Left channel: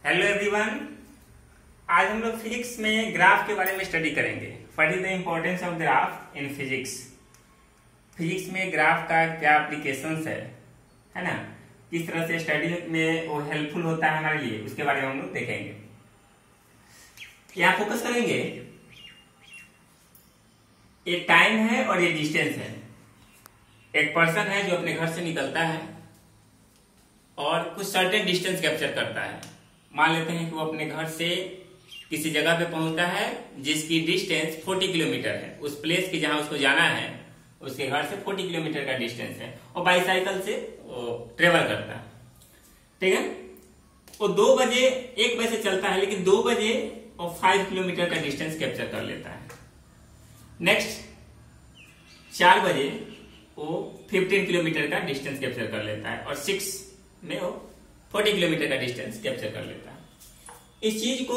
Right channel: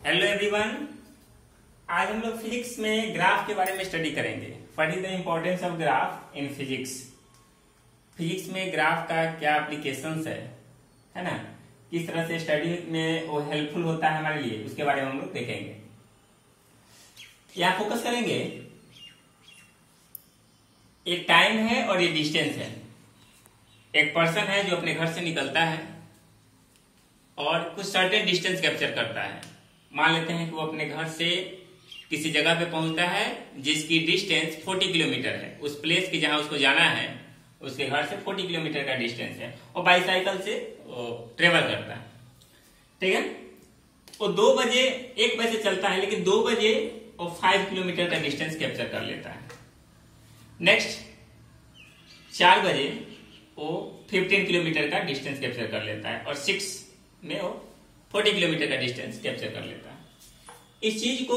Hello everyone. आज हम लोग फिजिक्स में ग्राफ के बारे में स्टडी करेंगे। What is the importance of graph in physics. Physics में ग्राफ का क्या एप्लीकेशंस है ना, किस तरह से स्टडी में वो हेल्पफुल होता है हमारे लिए, उसके बारे में हम लोग देखेंगे। यहाँ फोकस करेंगे, एक टाइम है और ये डिस्टेंस है। एक पर्सन है जो अपने घर से निकलता है और कुछ सर्टेन डिस्टेंस कैप्चर करता है। मान लेते हैं कि वो अपने घर से किसी जगह पे पहुंचता है जिसकी डिस्टेंस 40 किलोमीटर है। उस प्लेस की जहां उसको जाना है उसके घर से 40 किलोमीटर का डिस्टेंस है और बाईसाइकिल से ट्रेवल करता है। ठीक है, वो 2 बजे 1 बजे से चलता है, लेकिन 2 बजे वो 5 किलोमीटर का डिस्टेंस कैप्चर कर लेता है। नेक्स्ट 4 बजे वो 15 किलोमीटर का डिस्टेंस कैप्चर कर लेता है और 6 में वो 40 किलोमीटर का डिस्टेंस कैप्चर कर लेता है। इस चीज को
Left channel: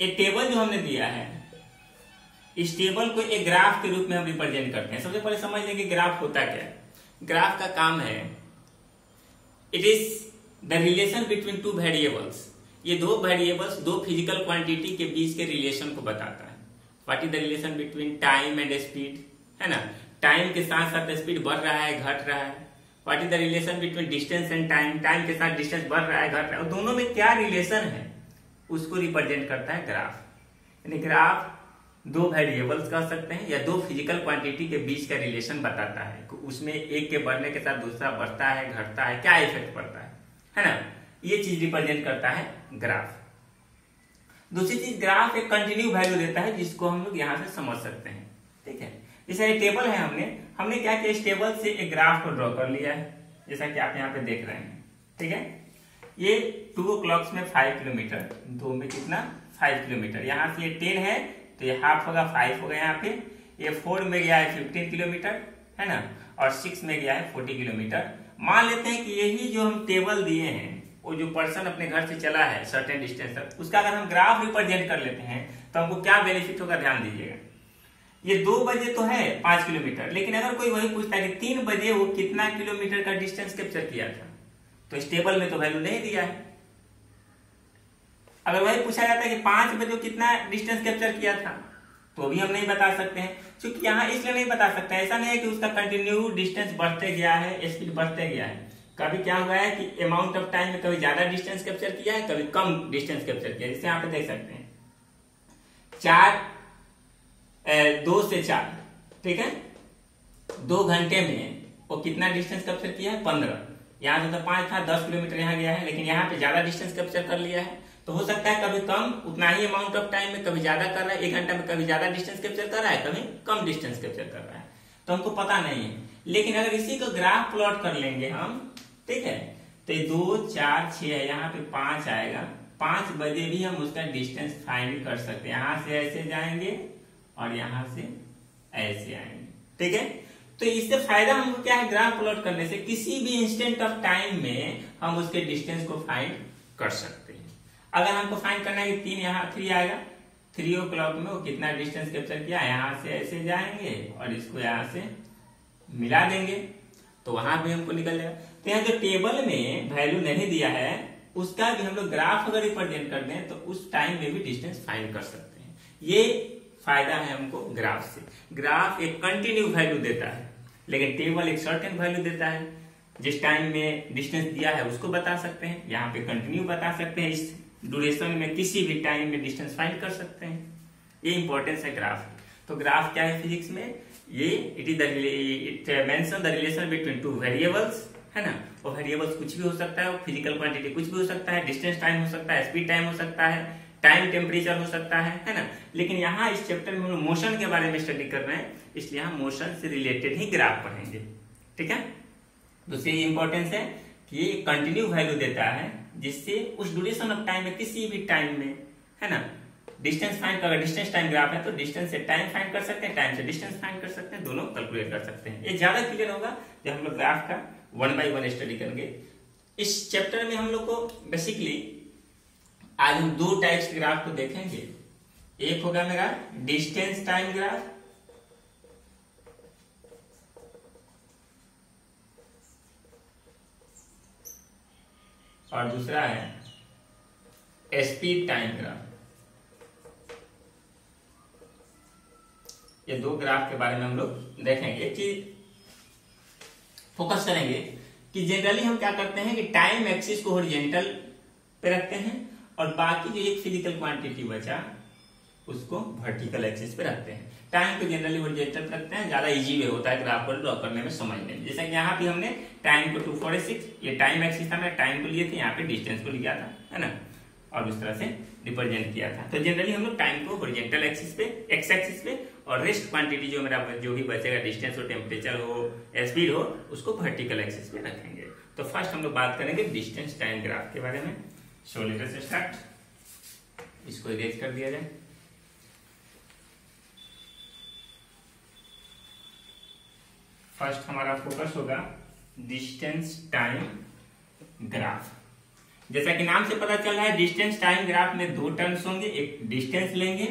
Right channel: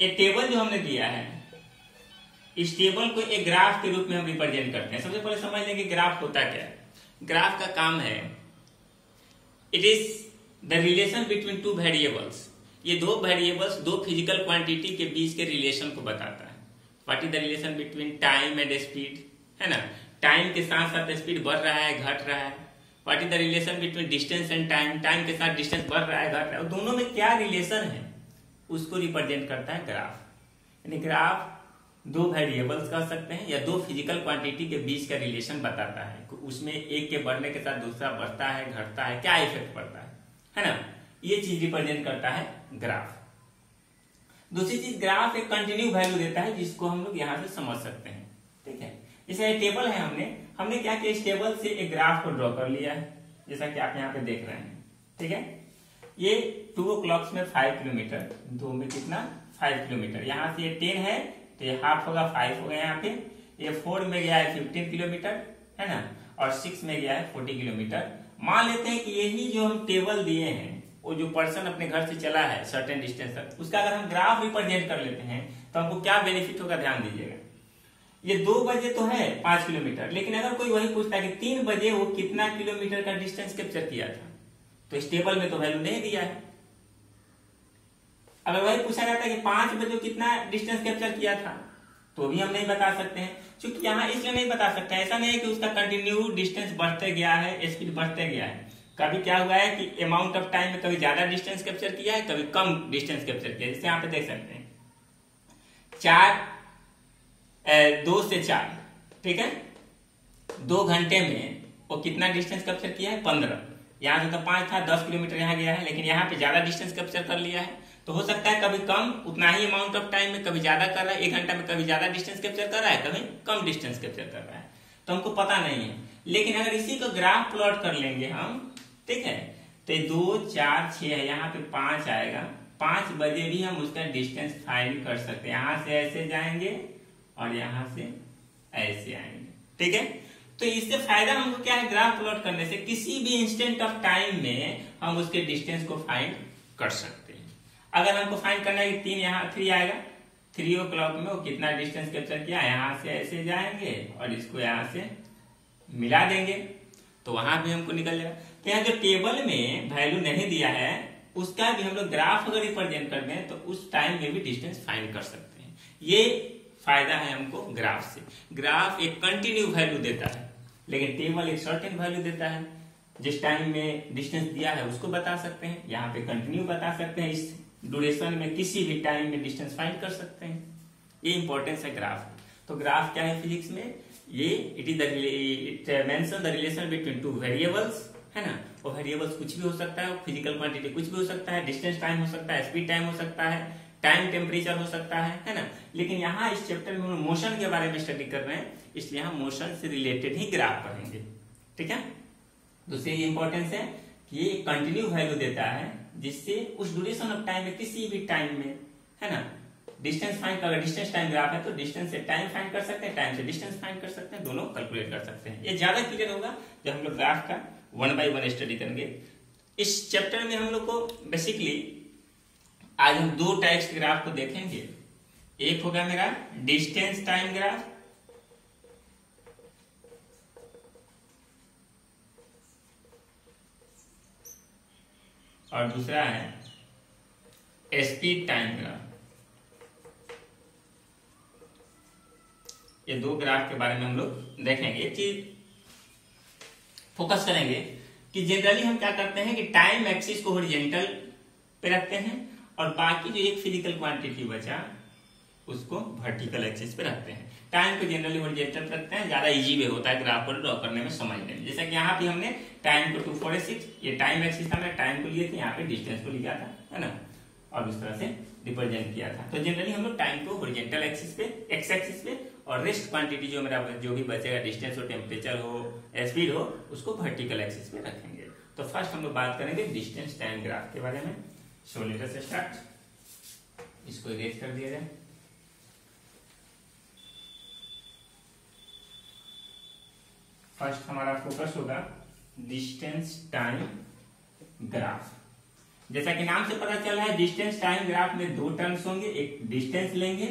एक टेबल जो हमने दिया है, इस टेबल को एक ग्राफ के रूप में हम रिप्रेजेंट करते हैं। सबसे पहले समझ लेंगे ग्राफ होता क्या है। ग्राफ का काम है, it is the relation between 2 variables. ये 2 वेरिएबल्स, 2 फिजिकल क्वांटिटी के बीच के रिलेशन को बताता है। What is the relation between time and speed, है ना। टाइम के साथ साथ स्पीड बढ़ रहा है, घट रहा है। What is the relation between distance and time, time के साथ डिस्टेंस बढ़ रहा है, घट रहा है। दोनों में क्या रिलेशन है उसको रिप्रेजेंट करता है ग्राफ। यानी ग्राफ 2 वेरिएबल्स कह सकते हैं या 2 फिजिकल क्वांटिटी के बीच का रिलेशन बताता है। उसमें एक के बढ़ने के साथ दूसरा बढ़ता है, घटता है, क्या इफेक्ट पड़ता है ना। ये चीज रिप्रेजेंट करता है ग्राफ। दूसरी चीज, ग्राफ एक कंटिन्यू वैल्यू देता है जिसको हम लोग यहां से समझ सकते हैं। ठीक है, जैसे ये टेबल है, हमने क्या किया, इस टेबल से एक ग्राफ को ड्रॉ कर लिया है, जैसा कि आप यहाँ पे देख रहे हैं। ठीक है, ये 2 o'clock में 5 किलोमीटर, 2 में कितना 5 किलोमीटर। यहाँ से ये 10 है तो ये हाफ होगा, 5 होगा यहाँ पे। ये 4 में गया है 15 किलोमीटर, है ना, और 6 में गया है 40 किलोमीटर। मान लेते हैं कि यही जो हम टेबल दिए हैं, वो जो पर्सन अपने घर से चला है सर्टेन डिस्टेंस तक, उसका अगर हम ग्राफ रिप्रेजेंट कर लेते हैं तो हमको क्या बेनिफिट होगा, ध्यान दीजिएगा। ये 2 बजे तो है 5 किलोमीटर, लेकिन अगर कोई वही पूछता है कि 3 बजे वो कितना किलोमीटर का डिस्टेंस कैप्चर किया था, तो इस टेबल में तो वैल्यू नहीं दिया है। अगर वही पूछा जाता है कि 5 बजे कितना डिस्टेंस कैप्चर किया था, तो भी हम नहीं बता सकते हैं। क्योंकि यहाँ इसलिए नहीं बता सकते, ऐसा नहीं है कि उसका कंटिन्यू डिस्टेंस बढ़ते गया है, स्पीड बढ़ते गया है। कभी क्या हुआ है कि अमाउंट ऑफ टाइम में कभी ज्यादा डिस्टेंस कैप्चर किया है, कभी कम डिस्टेंस कैप्चर किया है। जैसे यहाँ पे देख सकते हैं 2 से 4, ठीक है, 2 घंटे में वो कितना डिस्टेंस कैप्चर किया है, 15। यहाँ से तो 5 था, 10 किलोमीटर यहाँ गया है, लेकिन यहाँ पे ज्यादा डिस्टेंस कैप्चर कर लिया है। तो हो सकता है कभी कम उतना ही अमाउंट ऑफ टाइम में, कभी ज्यादा कर रहा है, 1 घंटा में कभी ज्यादा डिस्टेंस कैप्चर कर रहा है, कभी कम डिस्टेंस कैप्चर कर रहा है, तो हमको पता नहीं है। लेकिन अगर इसी को ग्राफ प्लॉट कर लेंगे हम, ठीक है, तो 2, 4, 6 है, यहाँ पे 5 आएगा। 5 बजे भी हम उसका डिस्टेंस फाइंड कर सकते हैं। यहां से ऐसे जाएंगे और यहां से ऐसे आएंगे। ठीक है, तो इससे फायदा हमको क्या है, ग्राफ प्लॉट करने से किसी भी इंस्टेंट ऑफ टाइम में हम उसके डिस्टेंस को फाइंड कर सकते हैं। अगर हमको फाइंड करना है कि 3 आएगा, 3 o'clock में वो कितना डिस्टेंस कैप्चर किया, यहां से ऐसे जाएंगे और इसको यहां से मिला देंगे तो वहां भी हमको निकल जाएगा। तो यहाँ जो टेबल में वैल्यू नहीं दिया है उसका भी हम लोग ग्राफ अगर रिप्रेजेंट कर दें तो उस टाइम में भी डिस्टेंस फाइंड कर सकते हैं। ये फायदा है हमको ग्राफ से। ग्राफ एक कंटिन्यू वैल्यू देता है, लेकिन टेबल एक सर्टेन वैल्यू देता है। जिस टाइम में डिस्टेंस दिया है उसको बता सकते हैं, यहाँ पे कंटिन्यू बता सकते हैं, इस ड्यूरेशन में किसी भी टाइम में डिस्टेंस फाइंड कर सकते हैं। ये इंपॉर्टेंस है ग्राफ। तो ग्राफ क्या है फिजिक्स में, ये it mention the relation between 2 variables, है ना। और वेरिएबल्स कुछ भी हो सकता है, फिजिकल क्वांटिटी कुछ भी हो सकता है, डिस्टेंस टाइम हो सकता है, स्पीड टाइम हो सकता है, टाइम टेम्परेचर हो सकता है ना। लेकिन यहाँ इस चैप्टर में हम मोशन के बारे में स्टडी कर रहे हैं, इसलिए हम मोशन से रिलेटेड ही ग्राफ पढ़ेंगे। ठीक है, दूसरी इंपॉर्टेंस है कि ये कंटिन्यू वैल्यू देता है जिससे उस ड्यूरेशन ऑफ टाइम में किसी भी टाइम में, है ना, डिस्टेंस फाइंड कर, डिस्टेंस टाइम ग्राफ है तो डिस्टेंस से टाइम फाइंड कर सकते हैं, टाइम से डिस्टेंस फाइंड कर सकते हैं, दोनों कैलकुलेट कर सकते हैं। ये ज्यादा क्लियर होगा जब हम लोग ग्राफ का 1 by 1 स्टडी करेंगे। इस चैप्टर में हम लोग को बेसिकली आज हम 2 टाइप्स के ग्राफ को देखेंगे। एक होगा मेरा डिस्टेंस टाइम ग्राफ, और दूसरा है स्पीड टाइम ग्राफ। ये दो ग्राफ के बारे में हम लोग देखेंगे। एक चीज फोकस करेंगे कि जनरली हम क्या करते हैं कि टाइम एक्सिस को हॉरिजॉन्टल पे रखते हैं और बाकी जो एक फिजिकल क्वांटिटी बचा उसको वर्टिकल एक्सिस पे रखते हैं। टाइम को जनरली हॉरिजॉन्टल पे रखते हैं, ज्यादा इजी वे होता है ग्राफ को ड्रॉ करने में, समझने में। जैसा कि यहाँ पे हमने टाइम को 246, ये टाइम एक्सिस था, मैं टाइम को लिए थे, यहाँ पे डिस्टेंस को लिया था, है ना, और उस तरह से रिप्रेजेंट किया था। तो जनरली हम लोग टाइम को हॉरिजॉन्टल एक्सिस पे, एक्स एक्सिस पे, और रेस्ट क्वांटिटी जो मेरा जो भी बचेगा, डिस्टेंस हो, टेम्परेचर हो, स्पीड हो, उसको वर्टिकल एक्सिस पे रखेंगे। तो फर्स्ट हम लोग बात करेंगे डिस्टेंस टाइम ग्राफ के बारे में। सो लेट अस स्टार्ट, इसको इरेज कर दिया जाए। फर्स्ट हमारा फोकस होगा डिस्टेंस टाइम ग्राफ। जैसा कि नाम से पता चल रहा है, डिस्टेंस टाइम ग्राफ में दो टर्म्स होंगे, एक डिस्टेंस लेंगे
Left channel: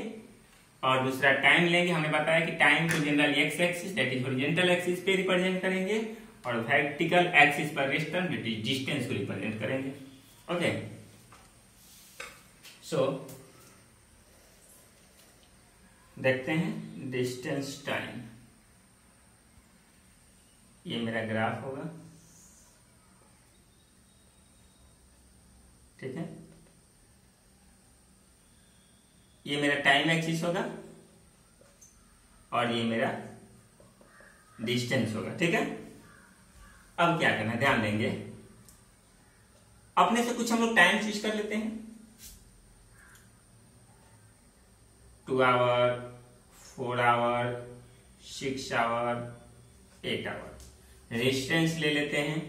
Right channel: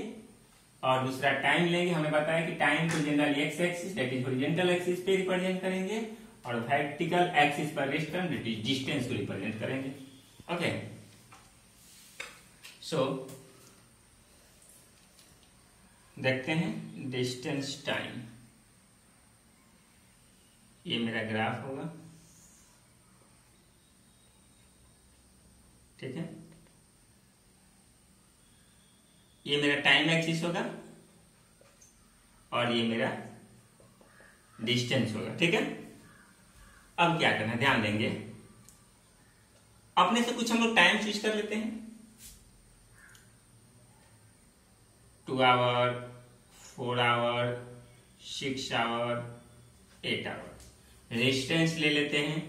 और दूसरा टाइम लेंगे। हमने बताया कि टाइम को generally x axis that is horizontal axis पे रिप्रेजेंट करेंगे और वर्टिकल एक्सिस पर rest term that is distance को रिप्रेजेंट करेंगे। ओके, सो देखते हैं डिस्टेंस टाइम। ये मेरा ग्राफ होगा, ठीक है। ये मेरा टाइम एक्सिस होगा और ये मेरा डिस्टेंस होगा, ठीक है। अब क्या करना है, ध्यान देंगे, अपने से कुछ हम लोग टाइम चूज कर लेते हैं। 2 hour, 4 hour, 6 hour, 8 hour. Distance ले लेते हैं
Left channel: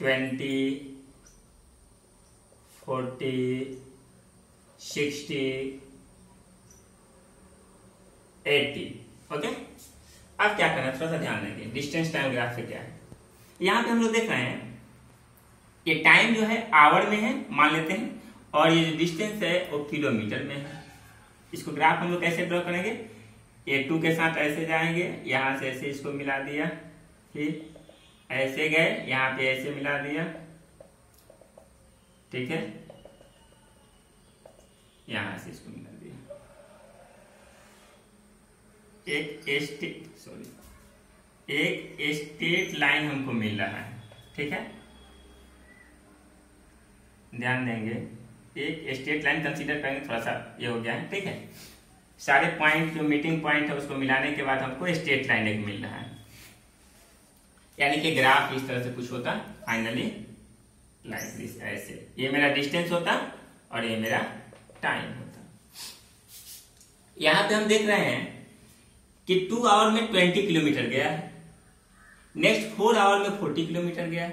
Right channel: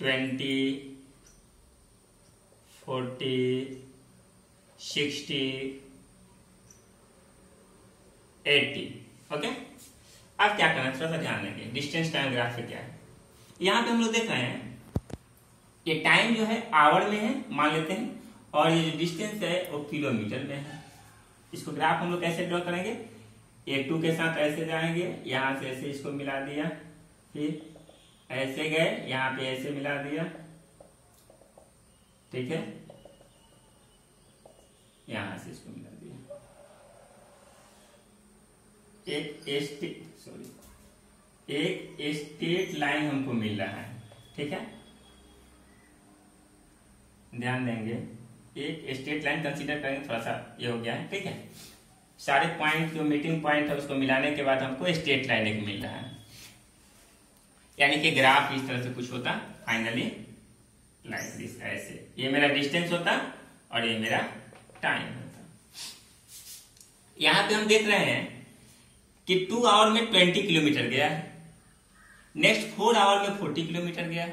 20, 40, 60, 80। ओके, अब क्या करना है, थोड़ा सा ध्यान देंगे। डिस्टेंस टाइम ग्राफ से क्या है, यहां पे हम लोग देख रहे हैं ये टाइम जो है आवर में है मान लेते हैं, और ये जो डिस्टेंस है वो किलोमीटर में है। इसको ग्राफ हम लोग कैसे ड्रॉ करेंगे, ये 2 के साथ ऐसे जाएंगे, यहां से ऐसे इसको मिला दिया, फिर ऐसे गए, यहां पे ऐसे मिला दिया, ठीक है, यहां से इसको मिला दिया। एक स्ट्रेट लाइन हमको मिल रहा है, ठीक है। ध्यान देंगे, एक स्ट्रेट लाइन कंसीडर करेंगे, थोड़ा सा ये हो गया है, ठीक है। सारे पॉइंट जो मीटिंग पॉइंट है उसको मिलाने के बाद हमको स्ट्रेट लाइन एक मिल रहा है, यानी कि ग्राफ इस तरह से कुछ होता फाइनली लाइक दिस, ऐसे। ये मेरा डिस्टेंस होता और ये मेरा टाइम होता। यहां पे हम देख रहे हैं कि 2 आवर में 20 किलोमीटर गया है, नेक्स्ट 4 आवर में 40 किलोमीटर गया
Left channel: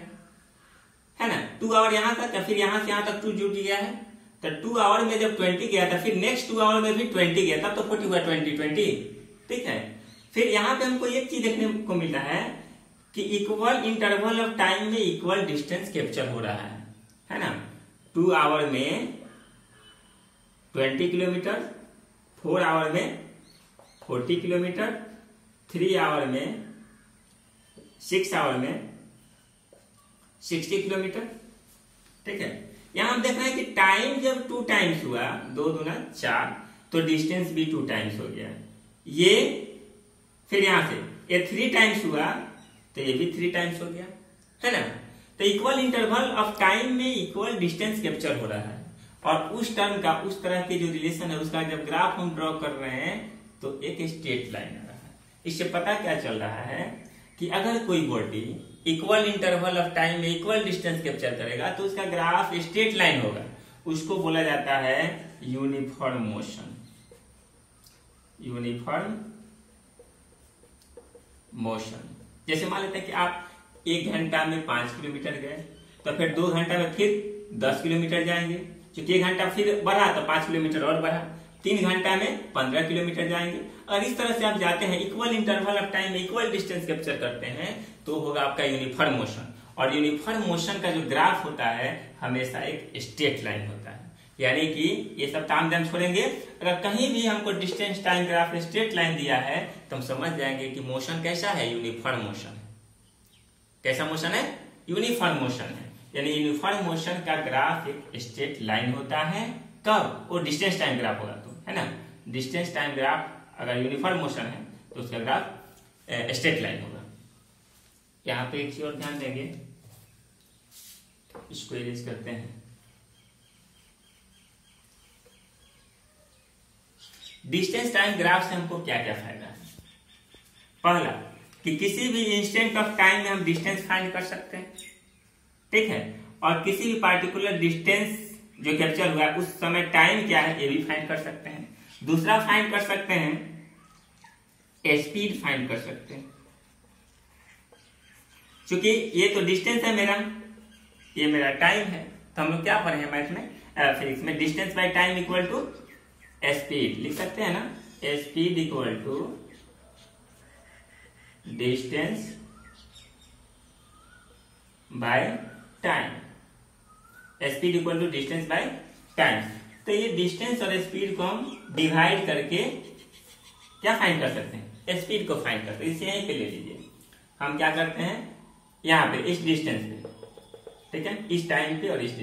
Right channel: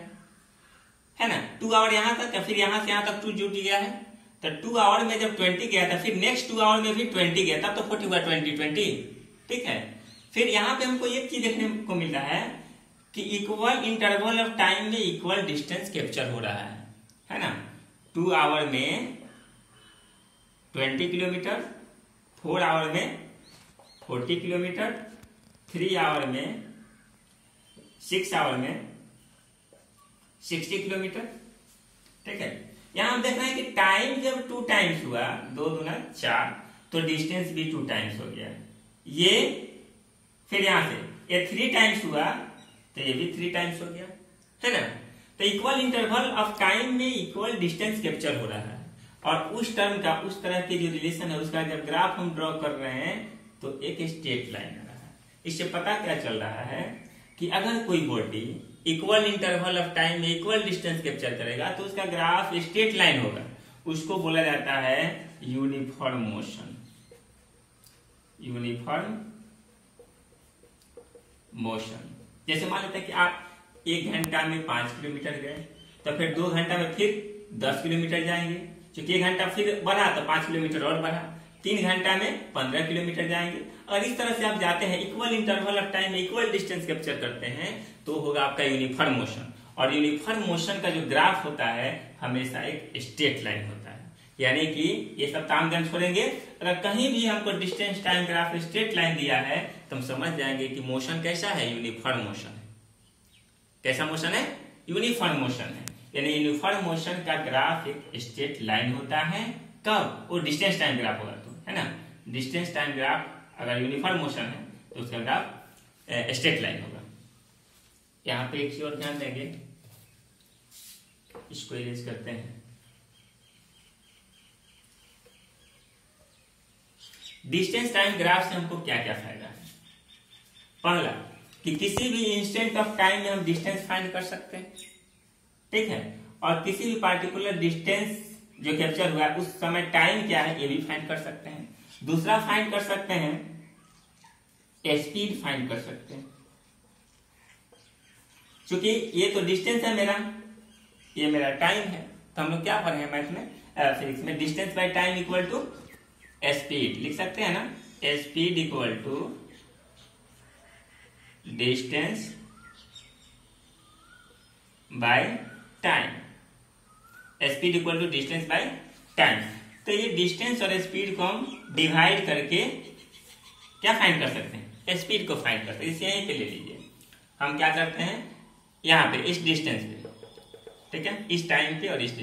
है ना। 2 आवर यहां तक, फिर यहां से यहां तक 2 जुड़ गया है, तो 2 आवर में जब 20 गया था, फिर नेक्स्ट 2 आवर में भी 20 गया था, तो 40 हुआ 20, ठीक है। फिर यहां पे हमको एक चीज देखने को मिल रहा है कि इक्वल इंटरवल ऑफ टाइम में इक्वल डिस्टेंस कैप्चर हो रहा है ना। 2 आवर में 20 किलोमीटर, 4 आवर में 40 किलोमीटर, 3 आवर में 6 आवर में 60 किलोमीटर, ठीक है। यहां हम देख रहे हैं कि टाइम जब 2 टाइम्स हुआ, 2 दूना 4, तो डिस्टेंस भी 2 टाइम्स हो गया। ये फिर यहां से ये 3 टाइम्स हुआ तो ये भी 3 टाइम्स हो गया, है ना। तो इक्वल इंटरवल ऑफ टाइम में इक्वल डिस्टेंस कैप्चर हो रहा है, और उस टर्म का, उस तरह के जो रिलेशन है उसका जब ग्राफ हम ड्रॉ कर रहे हैं तो एक स्ट्रेट लाइन आ रहा है। इससे पता क्या चल रहा है कि अगर कोई body equal interval of time में इक्वल डिस्टेंस कैप्चर करेगा तो उसका ग्राफ स्ट्रेट लाइन होगा। उसको बोला जाता है यूनिफॉर्म मोशन। यूनिफॉर्म मोशन, जैसे मान लेते हैं कि आप 1 घंटा में 5 किलोमीटर गए, तो फिर 2 घंटा में फिर 10 किलोमीटर जाएंगे, क्योंकि 1 घंटा फिर बढ़ा तो 5 किलोमीटर और बढ़ा, 3 घंटा में 15 किलोमीटर जाएंगे। और इस तरह से आप जाते हैं, इक्वल इंटरवल ऑफ टाइम में इक्वल डिस्टेंस कैप्चर करते हैं, तो होगा आपका यूनिफॉर्म मोशन। और यूनिफॉर्म मोशन का जो ग्राफ होता है हमेशा एक स्ट्रेट लाइन होता है, यानी कि ये सब तामझाम छोड़ेंगे। अगर कहीं भी हमको distance time graph straight line दिया है तो हम समझ जाएंगे कि मोशन कैसा है, यूनिफॉर्म मोशन है। कैसा मोशन है, यूनिफॉर्म मोशन है। यानी यूनिफॉर्म मोशन का ग्राफ एक स्ट्रेट लाइन होता है। कब? वो डिस्टेंस टाइम ग्राफ होगा तो, है ना। डिस्टेंस टाइम ग्राफ अगर यूनिफॉर्म मोशन है तो उसका ग्राफ स्ट्रेट लाइन होगा। यहां पे एक चीज और ध्यान देंगे, इसको इरेज करते हैं। डिस्टेंस टाइम ग्राफ से हमको क्या क्या फायदा है? पहला कि किसी भी इंस्टेंट ऑफ टाइम में हम डिस्टेंस फाइंड कर सकते हैं, ठीक है, और किसी भी पार्टिकुलर डिस्टेंस जो कैप्चर हुआ उस समय टाइम क्या है ये भी फाइंड कर सकते हैं। दूसरा फाइंड कर सकते हैं, स्पीड फाइंड कर सकते हैं। क्योंकि ये तो डिस्टेंस है मेरा, ये मेरा टाइम है, तो हम लोग क्या पढ़े हैं मैथ में, फिजिक्स में, distance by time equal to speed लिख सकते हैं ना। Speed equal to distance by time, speed equal to distance by time. तो ये डिस्टेंस और स्पीड को हम डिवाइड करके क्या फाइंड कर सकते हैं? स्पीड को फाइंड करते हैं। इसे यहीं पे ले लीजिए, हम क्या करते हैं यहाँ पे इस डिस्टेंस पे, ठीक है, इस टाइम पे और इस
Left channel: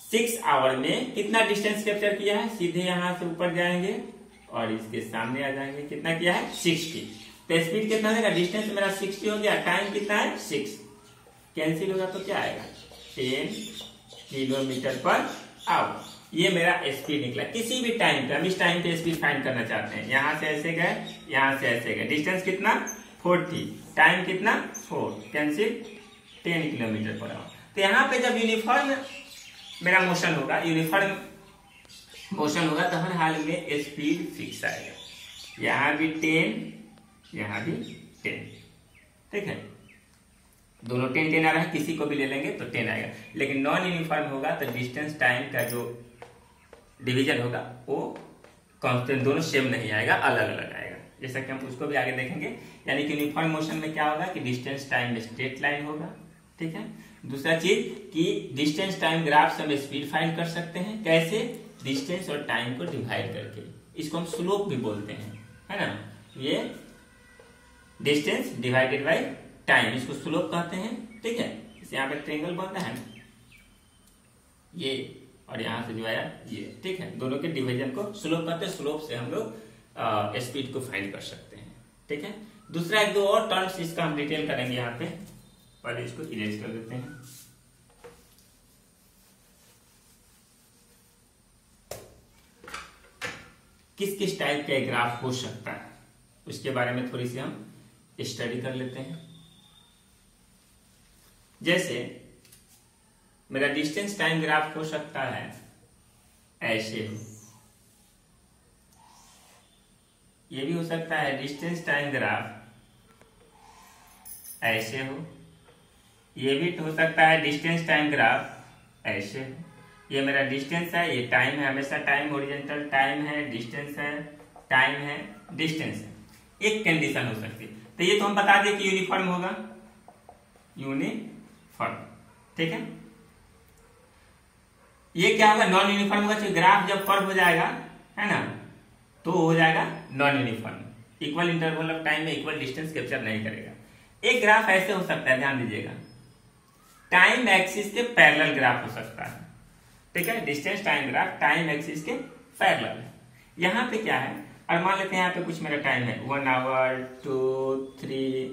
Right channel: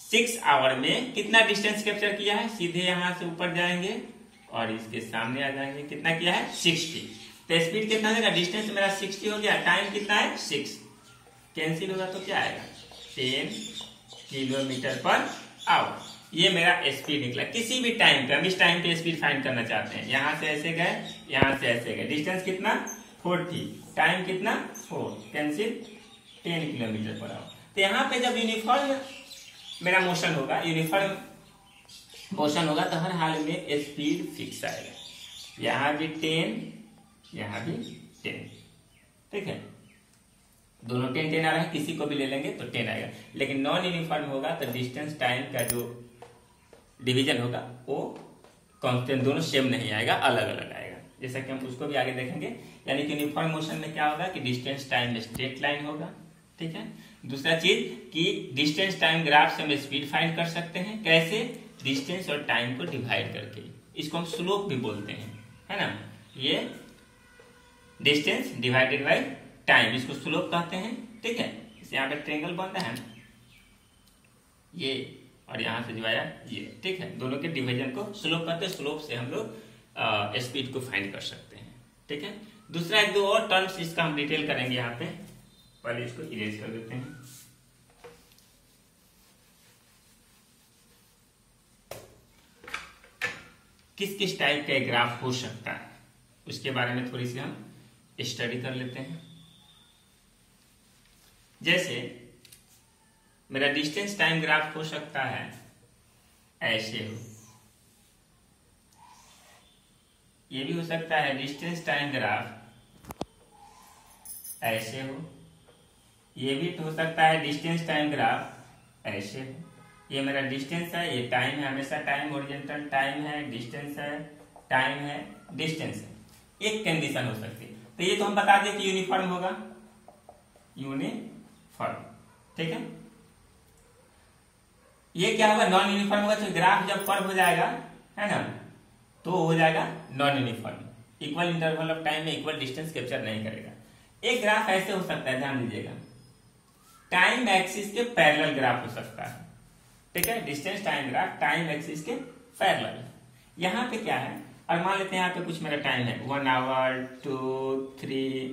6 आवर में कितना डिस्टेंस कैप्चर किया है? सीधे यहां से ऊपर जाएंगे और इसके सामने आ जाएंगे। कितना किया है? 60। तो स्पीड कितना देगा? डिस्टेंस मेरा 60 हो गया, टाइम कितना है? 6। कैंसिल होगा तो क्या आएगा? 10 किलोमीटर पर आवर। ये मेरा स्पीड निकला किसी भी टाइम पे। हम इस टाइम पे स्पीड फाइंड करना चाहते हैं। यहां से ऐसे गए, यहां से ऐसे गए, डिस्टेंस कितना? 40, टाइम कितना? 4, कैंसिल 10 किलोमीटर पर आवर। तो यहाँ पे जब यूनिफॉर्म मेरा मोशन होगा, यूनिफॉर्म मोशन होगा, तो हर हाल में स्पीड फिक्स आएगा। यहां भी 10, यहां भी 10, ठीक है, दोनों 10 10 आ रहा है, किसी को भी ले लेंगे तो 10 आएगा। लेकिन नॉन यूनिफॉर्म होगा तो डिस्टेंस टाइम का जो डिवीजन होगा वो कांस्टेंट, दोनों सेम नहीं आएगा, अलग अलग आएगा। जैसा कि हम उसको भी आगे देखेंगे। यानी कि यूनिफॉर्म मोशन में क्या होगा कि डिस्टेंस टाइम स्ट्रेट लाइन होगा, ठीक है। दूसरा चीज कि डिस्टेंस टाइम ग्राफ से हम स्पीड फाइंड कर सकते हैं। कैसे? डिस्टेंस और टाइम को डिवाइड करके। इसको हम स्लोप भी बोलते हैं, है ना। ये डिस्टेंस डिवाइडेड बाय टाइम, इसको स्लोप कहते हैं, ठीक है। इसे यहाँ पे ट्रायंगल बनता है ना, ये और यहां से जो आया ये, ठीक है, दोनों के डिवीजन को स्लोप कहते हैं। स्लोप से हम लोग स्पीड को फाइंड कर सकते हैं, ठीक है। दूसरा एक दो और टर्म्स इसका हम डिटेल करेंगे यहाँ पे, पहले इसको इरेज कर देते हैं। किस किस टाइप का ग्राफ हो सकता है उसके बारे में थोड़ी सी हम स्टडी कर लेते हैं। जैसे मेरा डिस्टेंस टाइम ग्राफ हो सकता है ऐसे हो, ये भी हो सकता है डिस्टेंस टाइम ग्राफ ऐसे हो, ये भी हो सकता है डिस्टेंस टाइम ग्राफ ऐसे हो। ये मेरा डिस्टेंस है, ये टाइम है, हमेशा टाइम ओरिजेंटल टाइम है, डिस्टेंस है, टाइम है, डिस्टेंस है। एक कंडीशन हो सकती है, तो ये तो हम बता दें कि यूनिफॉर्म होगा, यूनिफॉर्म, ठीक है। ये क्या होगा? नॉन यूनिफॉर्म होगा। तो ग्राफ जब कर्व हो जाएगा, है ना, तो हो जाएगा non uniform. Equal interval of time में इक्वल डिस्टेंस कैप्चर नहीं करेगा। एक ग्राफ ऐसे हो सकता है, ध्यान दीजिएगा, टाइम एक्सिस के पैरेलल ग्राफ हो सकता है, ठीक है। Distance time graph time axis के पैरेलल। यहां पे क्या है, और मान लेते हैं यहाँ पे कुछ मेरा टाइम है 1 आवर 2 3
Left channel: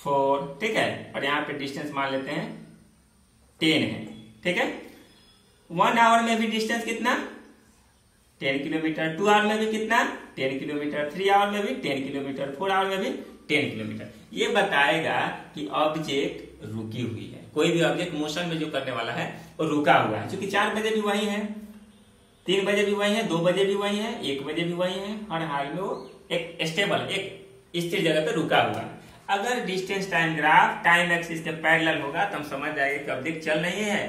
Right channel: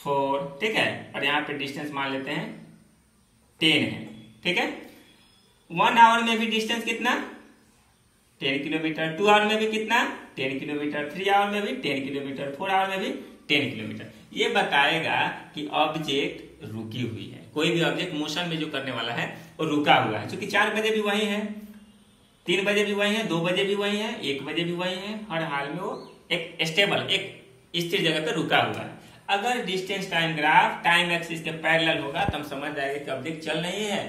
4, ठीक है, और यहाँ पे डिस्टेंस मान लेते हैं 10 है, ठीक है। 1 आवर में भी डिस्टेंस कितना? 10 किलोमीटर। 2 आवर में भी कितना? 10 किलोमीटर। 3 आवर में भी 10 किलोमीटर। 4 आवर में भी 10 किलोमीटर। ये बताएगा कि ऑब्जेक्ट रुकी हुई है। कोई भी ऑब्जेक्ट मोशन में जो करने वाला है वो रुका हुआ है। क्योंकि 4 बजे भी वही है, 3 बजे भी वही है, 2 बजे भी वही है, 1 बजे भी वही है, हर हाल में वो एक स्टेबल, एक स्थिर जगह पे रुका हुआ है। अगर distance time graph time axis के पैरेलल होगा तो हम समझ जाएंगे कि ऑब्जेक्ट चल नहीं है,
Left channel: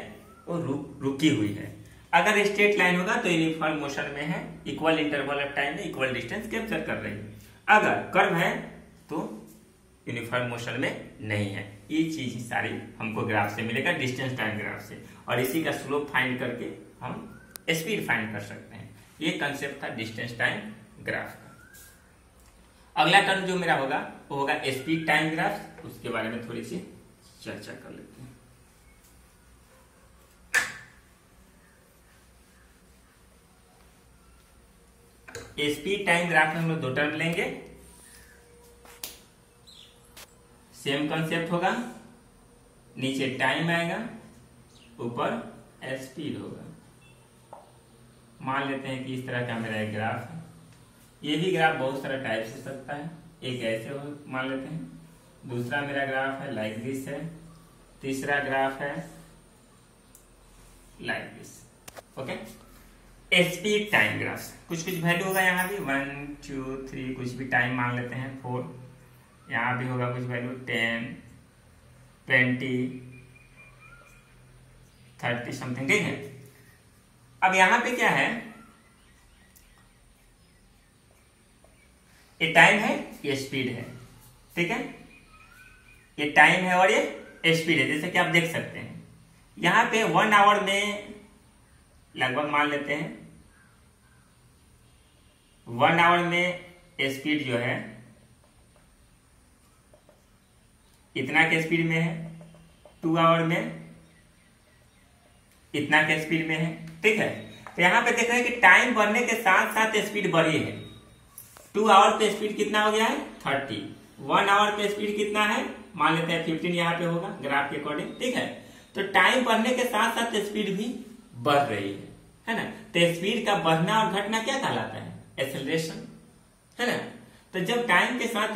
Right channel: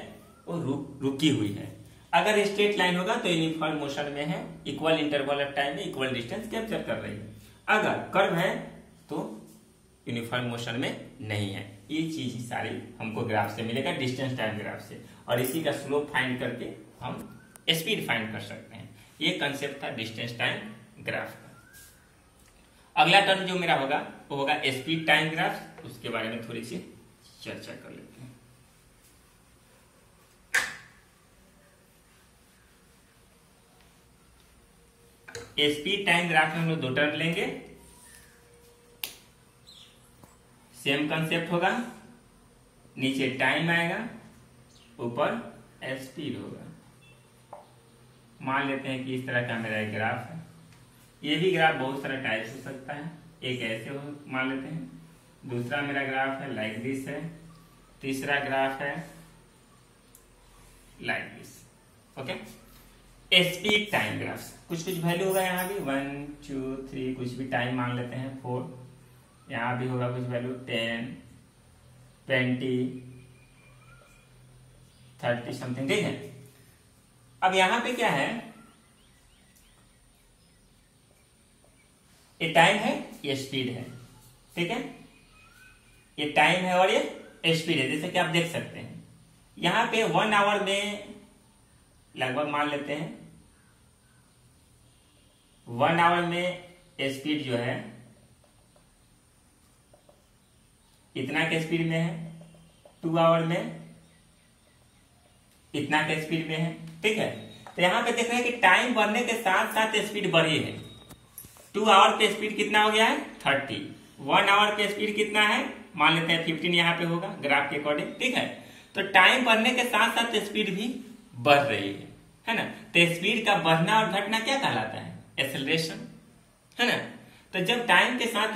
वो रुकी हुई है। अगर स्ट्रेट लाइन होगा तो यूनिफॉर्म मोशन में है, इक्वल इंटरवल ऑफ टाइम में इक्वल डिस्टेंस कैप्चर कर रही है। अगर कर्व है तो यूनिफॉर्म मोशन में नहीं है। ये चीज ही सारी हमको ग्राफ से मिलेगा, डिस्टेंस टाइम ग्राफ से, और इसी का स्लोप फाइंड करके हम स्पीड फाइंड कर सकते हैं। ये कंसेप्ट था डिस्टेंस टाइम ग्राफ का। अगला टर्म जो मेरा होगा वो होगा स्पीड टाइम ग्राफ। उसके बारे में थोड़ी सी चर्चा कर लेते हैं। स्पीड टाइम ग्राफ में हम लोग दो टर्म लेंगे, सेम कंसेप्ट होगा, नीचे टाइम आएगा, ऊपर स्पीड होगा। मान लेते हैं कि इस तरह का मेरा एक ग्राफ है। ये भी ग्राफ बहुत सारा टाइप्स हो सकता है। एक ऐसे हो मान लेते हैं, दूसरा मेरा ग्राफ है लाइक दिस है, तीसरा ग्राफ है like this. Okay, speed time graph कुछ कुछ वैल्यू होगा, यहाँ भी 1 2 3 कुछ भी टाइम मान लेते हैं 4, यहाँ भी होगा कुछ वैल्यू 10 20 30 समथिंग, ठीक है। अब यहां पे क्या है, ये टाइम है, ये स्पीड है, ठीक है। ये टाइम है और ये स्पीड है, जैसे कि आप देख सकते हैं यहां पे 1 आवर में लगभग मान लेते हैं 1 आवर में स्पीड जो है इतना के स्पीड में है, 2 आवर में इतना के स्पीड में है, ठीक है। तो यहां पे देख रहे हैं कि टाइम बढ़ने के साथ साथ स्पीड बढ़ी है। 2 आवर पे स्पीड कितना हो गया है 30, 1 आवर पे स्पीड कितना है मान लेते हैं 15 यहाँ पे होगा ग्राफ के अकॉर्डिंग, ठीक है। तो टाइम बढ़ने के साथ साथ स्पीड भी बढ़ रही है ना। तो स्पीड का बढ़ना और घटना क्या कहलाता है, एक्सेलरेशन, है ना। तो जब टाइम के साथ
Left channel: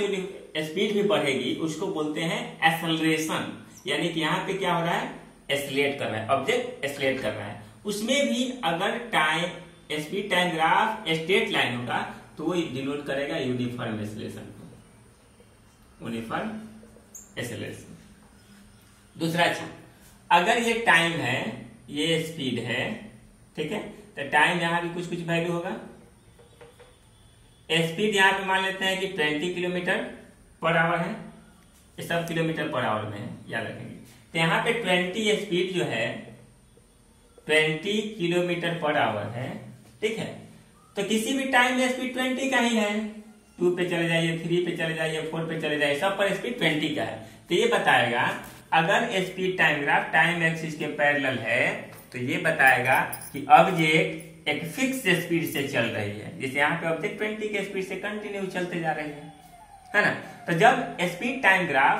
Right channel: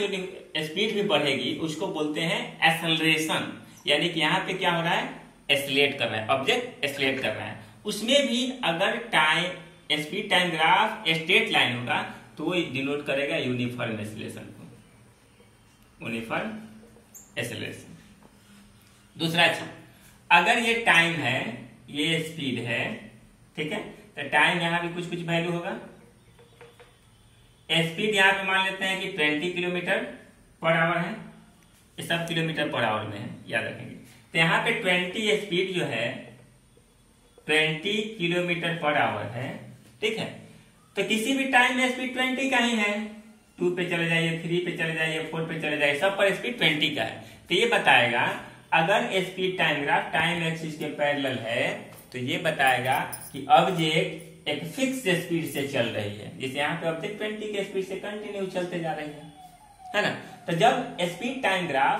स्पीड भी बढ़ेगी उसको बोलते हैं एक्सेलरेशन, यानी कि यहाँ पे क्या हो रहा है, एक्सेलरेट कर रहा है, ऑब्जेक्ट एक्सेलरेट कर रहा है। उसमें भी अगर time speed time graph straight line होगा तो वो डिनोट करेगा यूनिफॉर्म एक्सेलरेशन को, यूनिफॉर्म एक्सेलरेशन। दूसरा चीज, अगर ये टाइम है ये स्पीड है, ठीक है, तो टाइम यहां भी कुछ कुछ वैल्यू होगा। स्पीड यहां पे मान लेते हैं कि 20 किलोमीटर पर आवर है, ये सब किलोमीटर पर आवर में है, याद रखेंगे। तो यहाँ पे 20 स्पीड जो है 20 किलोमीटर पर आवर है, ठीक है। तो किसी भी टाइम में स्पीड 20 का ही है, 2 पे चले जाइए, 3 पे चले जाइए, 4 पे चले जाइए, सब पर स्पीड 20 का है। तो ये बताएगा अगर speed time graph time axis के पैरेलल है तो ये बताएगा कि ऑब्जेक्ट एक फिक्स स्पीड से चल रही है, जैसे यहाँ पे ऑब्जेक्ट 20 के स्पीड से कंटिन्यू चलते जा रही है ना। तो जब speed time graph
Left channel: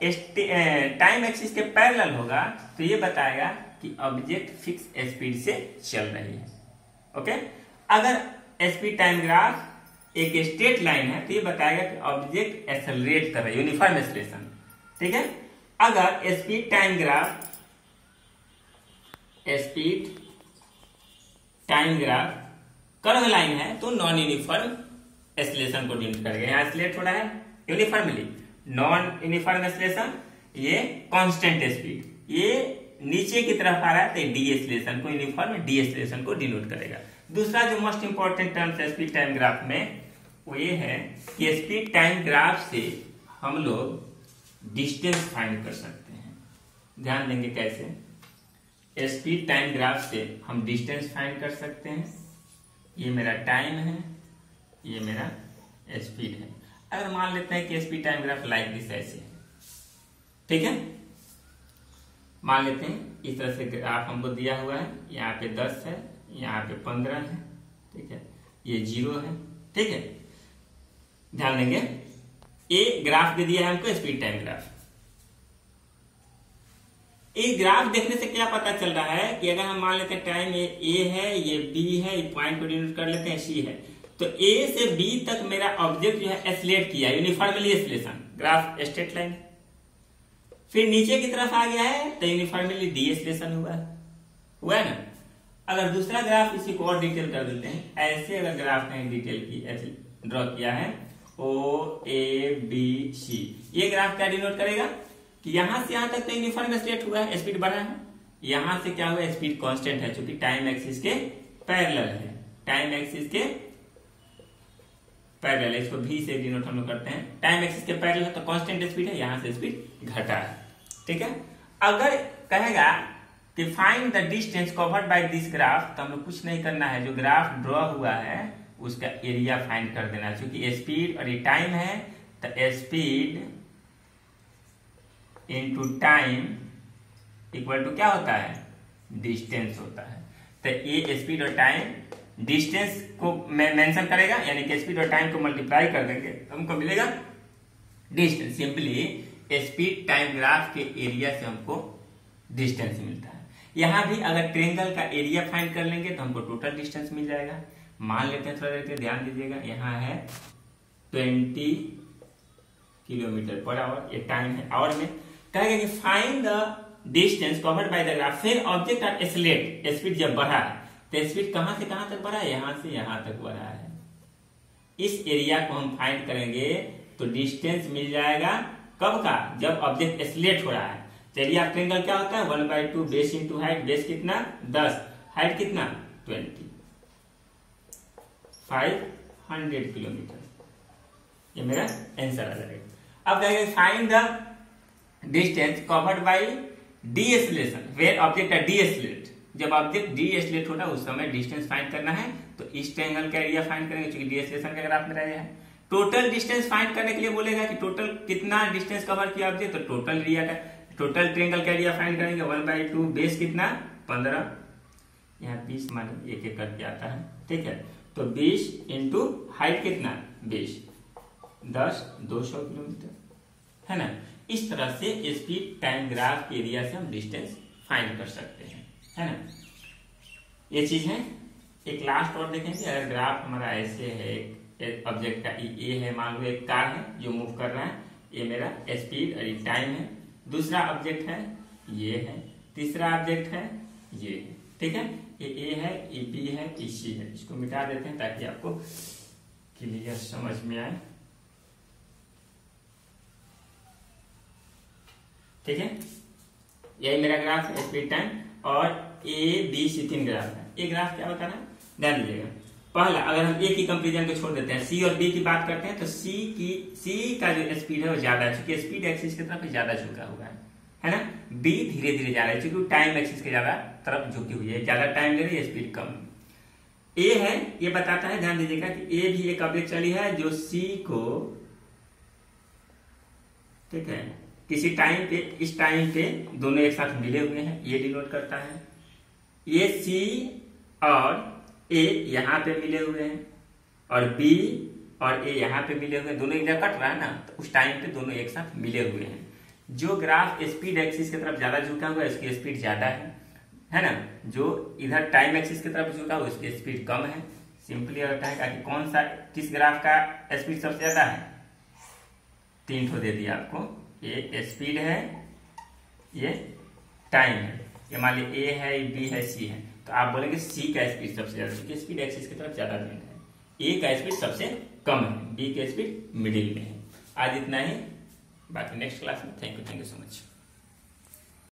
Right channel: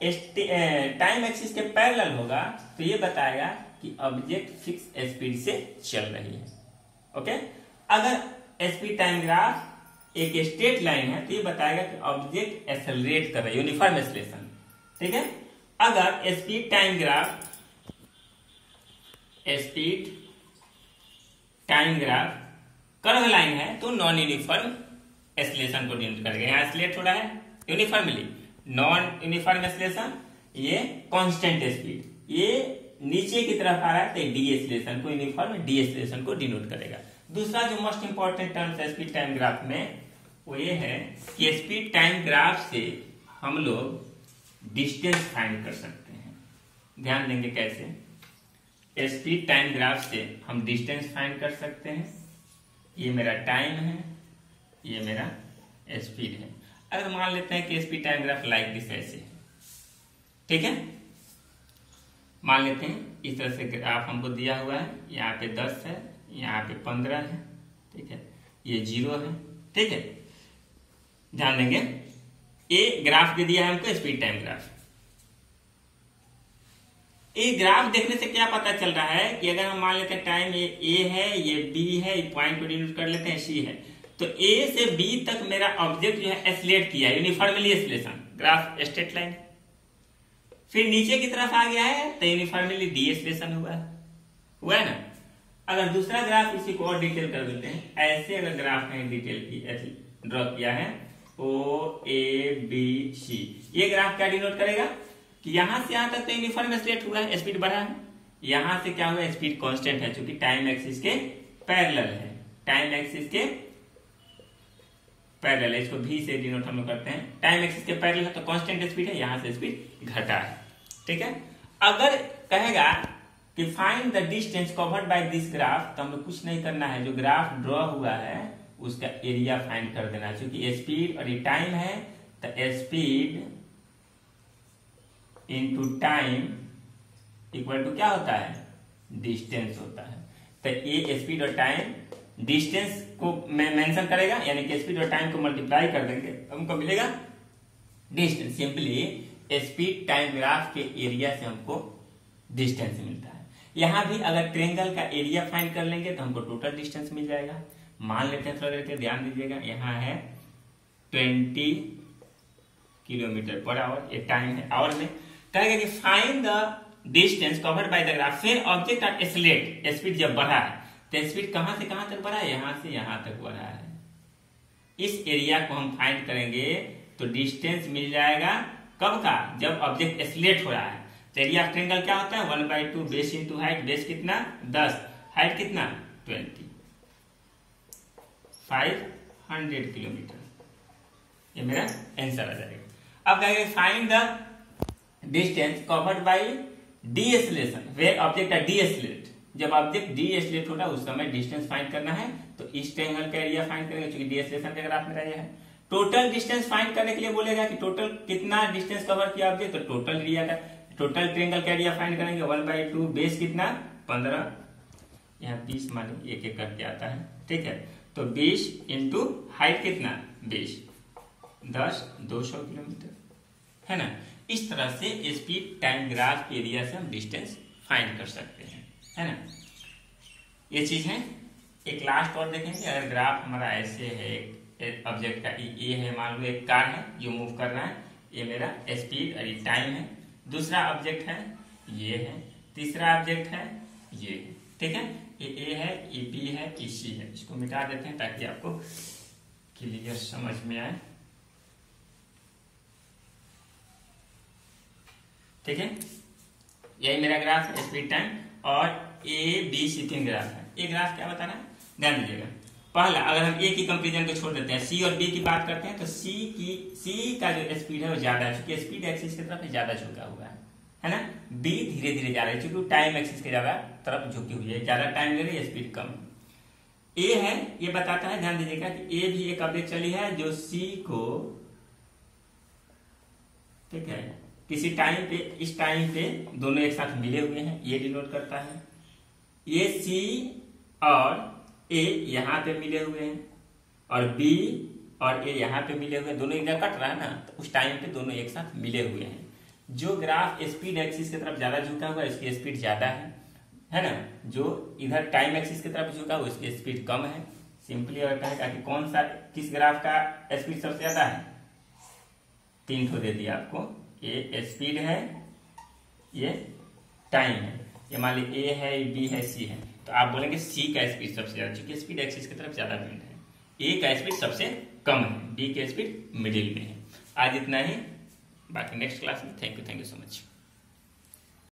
time axis के पैरेलल होगा तो ये बताएगा कि ऑब्जेक्ट फिक्स स्पीड से चल रही है। ओके, अगर स्पीड टाइम ग्राफ एक स्ट्रेट लाइन है तो ये बताएगा कि ऑब्जेक्ट एक्सेलरेट कर रहा है, यूनिफॉर्म एक्सेलरेशन, ठीक है। अगर speed time graph curve line है तो नॉन यूनिफॉर्म एक्सेलरेशन को डिनोट करेगा। यहाँ एक्सेलरेट हो रहा है यूनिफॉर्मली, नॉन यूनिफॉर्म एक्सेलरेशन ये कांस्टेंट स्पीड, ये नीचे की तरफ आ रहा है तो डी एक्सेलरेशन को, यूनिफॉर्म डी एक्सेलरेशन को डिनोट करेगा। दूसरा जो मोस्ट इंपॉर्टेंट टर्म है स्पीड टाइम ग्राफ में वो ये है कि स्पीड टाइम ग्राफ से हम लोग डिस्टेंस फाइंड कर सकते हैं। ध्यान देंगे कैसे, स्पीड टाइम ग्राफ से हम डिस्टेंस फाइंड कर सकते हैं। ये मेरा टाइम है, ये मेरा स्पीड है। अगर मान लेते हैं कि speed time graph like this ऐसे है, ठीक है, मान लेते हैं इस तरह से ग्राफ हमको दिया हुआ है, यहाँ पे 10 है, यहाँ पे 15 है, ठीक है, ये 0 है, ठीक है। ध्यान देंगे ये ग्राफ भी दिया है हमको स्पीड टाइम ग्राफ। ये ग्राफ देखने से क्या पता चल रहा है कि अगर हम मान लेते हैं टाइम ए है, ये बी है, ये पॉइंट को डिनोट कर लेते हैं सी है, तो ए से बी तक मेरा ऑब्जेक्ट जो है एक्सेलरेट किया, uniformly acceleration, graph straight line. फिर नीचे की तरफ आ गया है तो यूनिफॉर्मली डी एक्सेलरेशन हुआ है ना। अगर दूसरा ग्राफ इसी को और डिटेल कर देते हैं, ऐसे अगर ग्राफ में डिटेल की ऐसे ड्रॉ किया है ओ ए बी सी, ये ग्राफ क्या डिनोट करेगा कि यहां से यहां तक तो यूनिफॉर्म एक्सेलरेट हुआ है, स्पीड बढ़ा है, यहां से क्या हुआ स्पीड कांस्टेंट है क्योंकि टाइम एक्सिस के पैरेलल है, टाइम एक्सिस के पैरेलल है, इसको भी से डिनोट हम लोग करते हैं। टाइम एक्सिस के पैरेलल है तो कांस्टेंट स्पीड है, यहां से स्पीड घटा है, ठीक है। अगर कहेगा कि find the distance covered by this graph, तो हम लोग कुछ नहीं करना है, जो ग्राफ ड्रॉ हुआ है उसका एरिया फाइंड कर देना, क्योंकि स्पीड और ये टाइम है तो speed into time equal to क्या होता है, डिस्टेंस होता है। तो ये स्पीड और टाइम डिस्टेंस को मेंशन करेगा, यानी कि स्पीड और टाइम को मल्टीप्लाई कर देंगे, हमको मिलेगा distance. Simply speed time graph के एरिया से हमको डिस्टेंस मिलता है। यहां भी अगर ट्रेंगल का एरिया फाइंड कर लेंगे तो हमको टोटल डिस्टेंस मिल जाएगा। मान लेते हैं, थोड़ा देते हैं, ध्यान दीजिएगा, यहाँ है 20 किलोमीटर पर आवर, ये टाइम है, आवर में कहेगा कि find the distance covered by the graph. फिर ऑब्जेक्ट का एक्सेलरेट, स्पीड जब बढ़ा है तो स्पीड कहां से कहां तक बढ़ा है, यहां से यहां तक बढ़ा है। इस एरिया को हम फाइंड करेंगे तो डिस्टेंस मिल जाएगा कब का, जब ऑब्जेक्ट एक्सेलरेट हो रहा है। तो एरिया ऑफ ट्रायंगल क्या होता है, 1/2 बेस इंटू हाइट। बेस कितना 10, हाइट कितना 20, 500 किलोमीटर। ये मेरा आंसर आ जाएगा। अब कहेंगे find the distance covered by deceleration where object का डीएक्सेलरेट। जब ऑब्जेक्ट डीएक्सेलरेट होता है उस समय डिस्टेंस फाइंड करना है, तो इस ट्रायंगल का एरिया फाइंड करेंगे क्योंकि डीएक्सेलरेशन का ग्राफ मेरा ये है। टोटल डिस्टेंस फाइंड करने के लिए बोलेगा कि टोटल कितना डिस्टेंस कवर किया ऑब्जेक्ट, तो टोटल एरिया का, टोटल ट्रायंगल का एरिया फाइंड करेंगे 1/2 बेस कितना 15, यहाँ 20 माने एक एक करके आता है, ठीक है। तो 20 इंटू हाइट कितना 20, 10, 200 किलोमीटर, है ना। इस तरह से स्पीड टाइम ग्राफ के एरिया से हम डिस्टेंस फाइंड कर सकते हैं, है ना। ये चीज है। एक लास्ट और देखेंगे, अगर ग्राफ हमारा ऐसे है, एक ऑब्जेक्ट का ये है, मान लो एक कार है जो मूव कर रहा है, ये मेरा स्पीड और ये टाइम है। दूसरा ऑब्जेक्ट है ये है, तीसरा ऑब्जेक्ट है ये है, ठीक है। ये ए है, ये बी है, ये सी है। इसको मिटा देते हैं ताकि आपको क्लियर समझ में आए, ठीक है। यही मेरा ग्राफ है स्पीड टाइम, और ए बी सी 3 ग्राफ है। ये ग्राफ क्या बता रहा है, ध्यान दीजिएगा। पहला, अगर हम ए की कंपेरिजन को छोड़ देते हैं, सी और बी की बात करते हैं, तो सी का जो स्पीड है वो ज्यादा है, चूंकि स्पीड एक्सिस की तरफ ज्यादा झुका हुआ है ना। बी धीरे धीरे जा रहा है क्योंकि टाइम एक्सिस के ज्यादा तरफ झुकी हुई है, ज्यादा टाइम ले रही है, स्पीड कम। ए है, ये बताता है, ध्यान दीजिएगा कि ए भी एक ऑब्जेक्ट चली है जो सी को, ठीक है, किसी टाइम पे, इस टाइम पे दोनों एक साथ मिले हुए हैं, ये डिनोट करता है। ये सी और ए यहां पे मिले हुए हैं, और बी और ए यहां पे मिले हुए हैं, दोनों इधर कट रहा है ना, तो उस टाइम पे दोनों एक साथ मिले हुए हैं। जो ग्राफ स्पीड एक्सिस की तरफ ज्यादा झुका हुआ है उसकी स्पीड ज्यादा है ना। जो इधर टाइम एक्सिस की तरफ झुका हुआ है उसकी स्पीड कम है। सिंपली होता है कि कौन सा, किस ग्राफ का स्पीड सबसे ज्यादा है, 3 ठो दे दिया आपको। ये स्पीड है, ये टाइम है, ये मान ली ए है, बी है, सी है, तो आप बोलेंगे सी का स्पीड सबसे ज्यादा, क्योंकि स्पीड एक्सिस की तरफ ज्यादा बेंड है। ए का स्पीड सबसे कम है, बी का स्पीड मिडिल में है। आज इतना ही, बाकी नेक्स्ट क्लास में। Thank you so much.